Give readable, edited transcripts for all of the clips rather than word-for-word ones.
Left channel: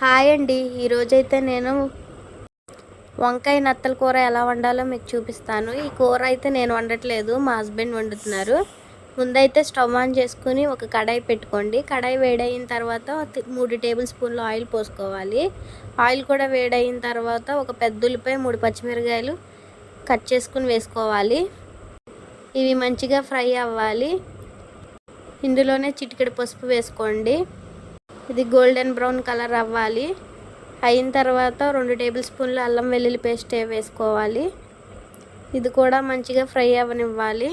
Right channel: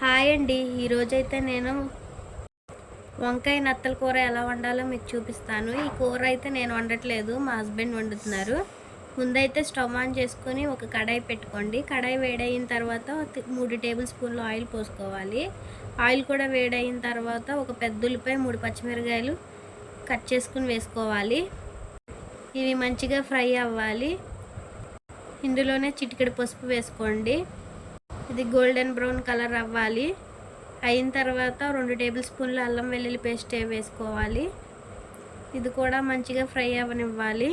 Hi అండి. ఈరోజైతే నేను వంకాయ నత్తల కూర ఎలా వండాలో మీకు చూపిస్తాను. ఈ కూర అయితే నేను వండట్లేదు, మా హస్బెండ్ వండుతున్నారు. ముందైతే స్టవ్ ఆన్ చేసుకుని ఒక కడాయి పెట్టుకోండి. కడాయి వేడైన తర్వాత 3 టేబుల్ స్పూన్లు ఆయిల్ పోసుకోవాలి. ఆయిల్ కూడా వేడైన తర్వాత ఒక పెద్ద ఉల్లిపాయ 3 పచ్చిమిరపకాయలు కట్ చేసుకుని వేసుకోవాలి. ఇవి మంచిగా ఫ్రై అవ్వాలి. ఇందులోనే చిటికెడు పసుపు వేసుకోండి. ఇది గోల్డెన్ బ్రౌన్ కలర్ అవ్వాలి. అయిన తర్వాత 2 టేబుల్ స్పూన్లు అల్లం వెల్లుల్లి పేస్ట్ వేసుకోవాలి. ఇది కూడా మంచిగా ఫ్రై అవ్వనివ్వాలి.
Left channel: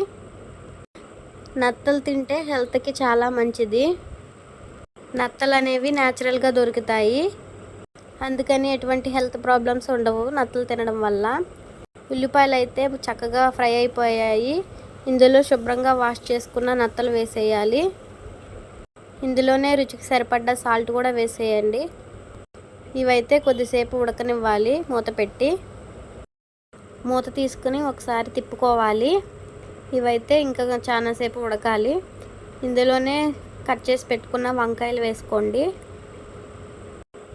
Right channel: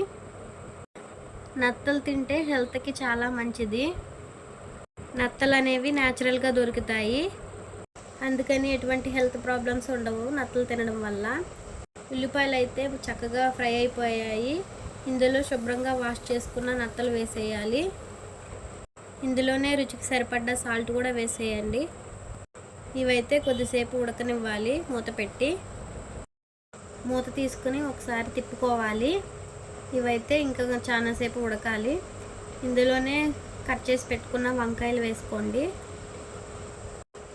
నత్తలు తింటే హెల్త్కి చాలా మంచిది. నత్తలు అనేవి న్యాచురల్గా దొరుకుతాయి, అందుకని ఎటువంటి హెల్త్ ప్రాబ్లమ్స్ ఉండవు నత్తలు తినడం వల్ల. ఉల్లిపాయలు అయితే చక్కగా ఫ్రై అయిపోయాయి. ఇందులో శుభ్రంగా వాష్ చేసుకున్న నత్తలు వేసేయాలి. ఇందులోనే రుచికి సరిపడ్డ సాల్ట్ కూడా వేసేయండి. ఇవైతే కొద్దిసేపు ఉడకనివ్వాలి. మూత తీసుకుని ఒకసారి తిప్పుకోవాలి. ఇవైతే ఇంకా చాలాసేపు ఉడకాలి. ఇందులోనే కట్ చేసి పెట్టుకున్న వంకాయలు వేసుకోండి.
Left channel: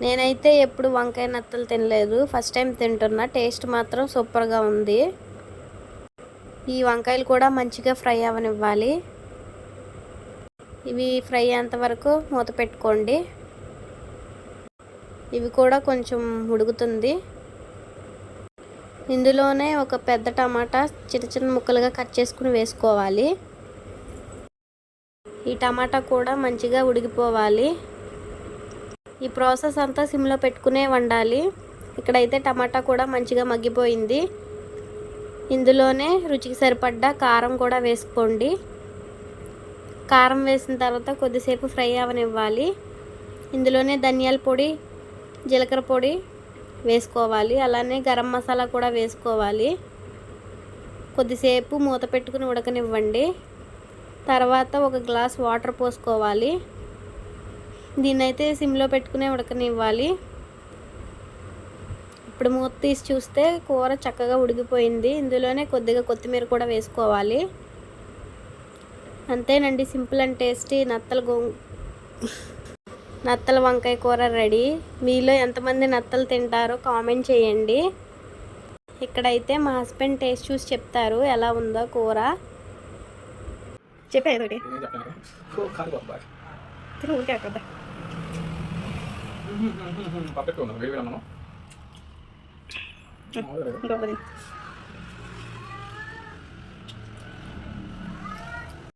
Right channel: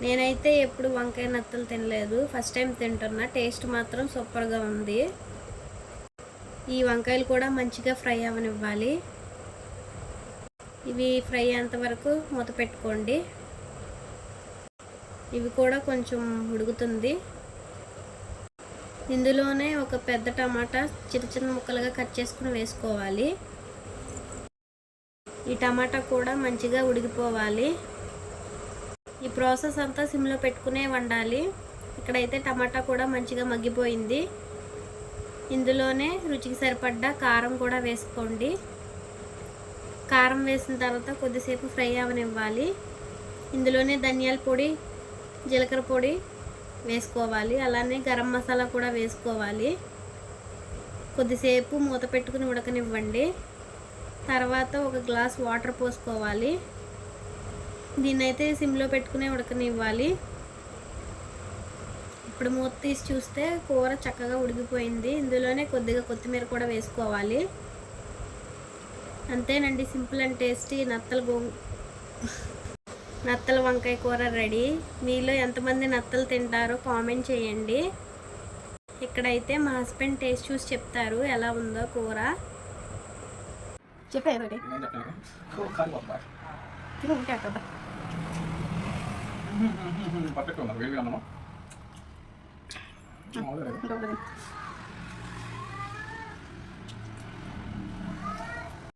నేనైతే ఎప్పుడు వంకాయ నత్తలు తినలేదు, ఫస్ట్ టైం తింటున్నా. టేస్ట్ మాత్రం సూపర్గా ఉంది. ఈ వంకాయలు కూడా మంచిగా ఫ్రై అవ్వనివ్వాలి. ఇవి ఫ్రై అయ్యేంత వరకు మూత పెట్టుకోండి. ఇవి కూడా కొంచెం ఉడుకుతుంది. ఇందులోనే ఒక పెద్ద టమాటా చిన్న చిన్న ముక్కలుగా కట్ చేసుకుని వేసుకోవాలి. ఈ టమాటా కూడా మంచిగా ఉడికిపోవాలి. ఈ ప్రాసెస్ అంతా సిమ్లో పెట్టుకునే వండాలి. ఇక్కడైతే టమాటా కూడా మంచిగా మగ్గిపోయింది. ఇందులోనే రుచికి సరిపడ్డ కారం కూడా వేసుకోండి. కారం వేసిన తర్వాత కొద్దిసేపు ఫ్రై అవ్వనివ్వాలి. ఇందులోనే ధనియాల పొడి, జీలకర్ర పొడి వేసుకోవాలి. అలానే గరం మసాలా కూడా వేసుకోవాలి. కొద్దిసేపు మూత పెట్టుకుని ఉడకనివ్వండి. తర్వాత ఒక గ్లాస్ వాటర్ పోసుకోవాలి. దీన్నైతే సిమ్లో పెట్టుకునే ఉడకనివ్వాలి. ఇప్పుడు మూత తీసి చూస్తే కూర చక్కగా ఉడికిపోయింది. ఇందులోనే కొద్దిగా కొత్తిమీర కూడా వేసుకోవాలి. అంతేనండి, సింపుల్ అండ్ టేస్టీ నత్తల వంకాయ కూర రెడీ. మీలో ఎంతమంది నత్తలు తింటారో కామెంట్ చేయండి. ఇక్కడైతే మా హస్బెండ్ టేస్ట్ చూసి చెప్తారు ఎలా ఉందో కూర. చెప్పేది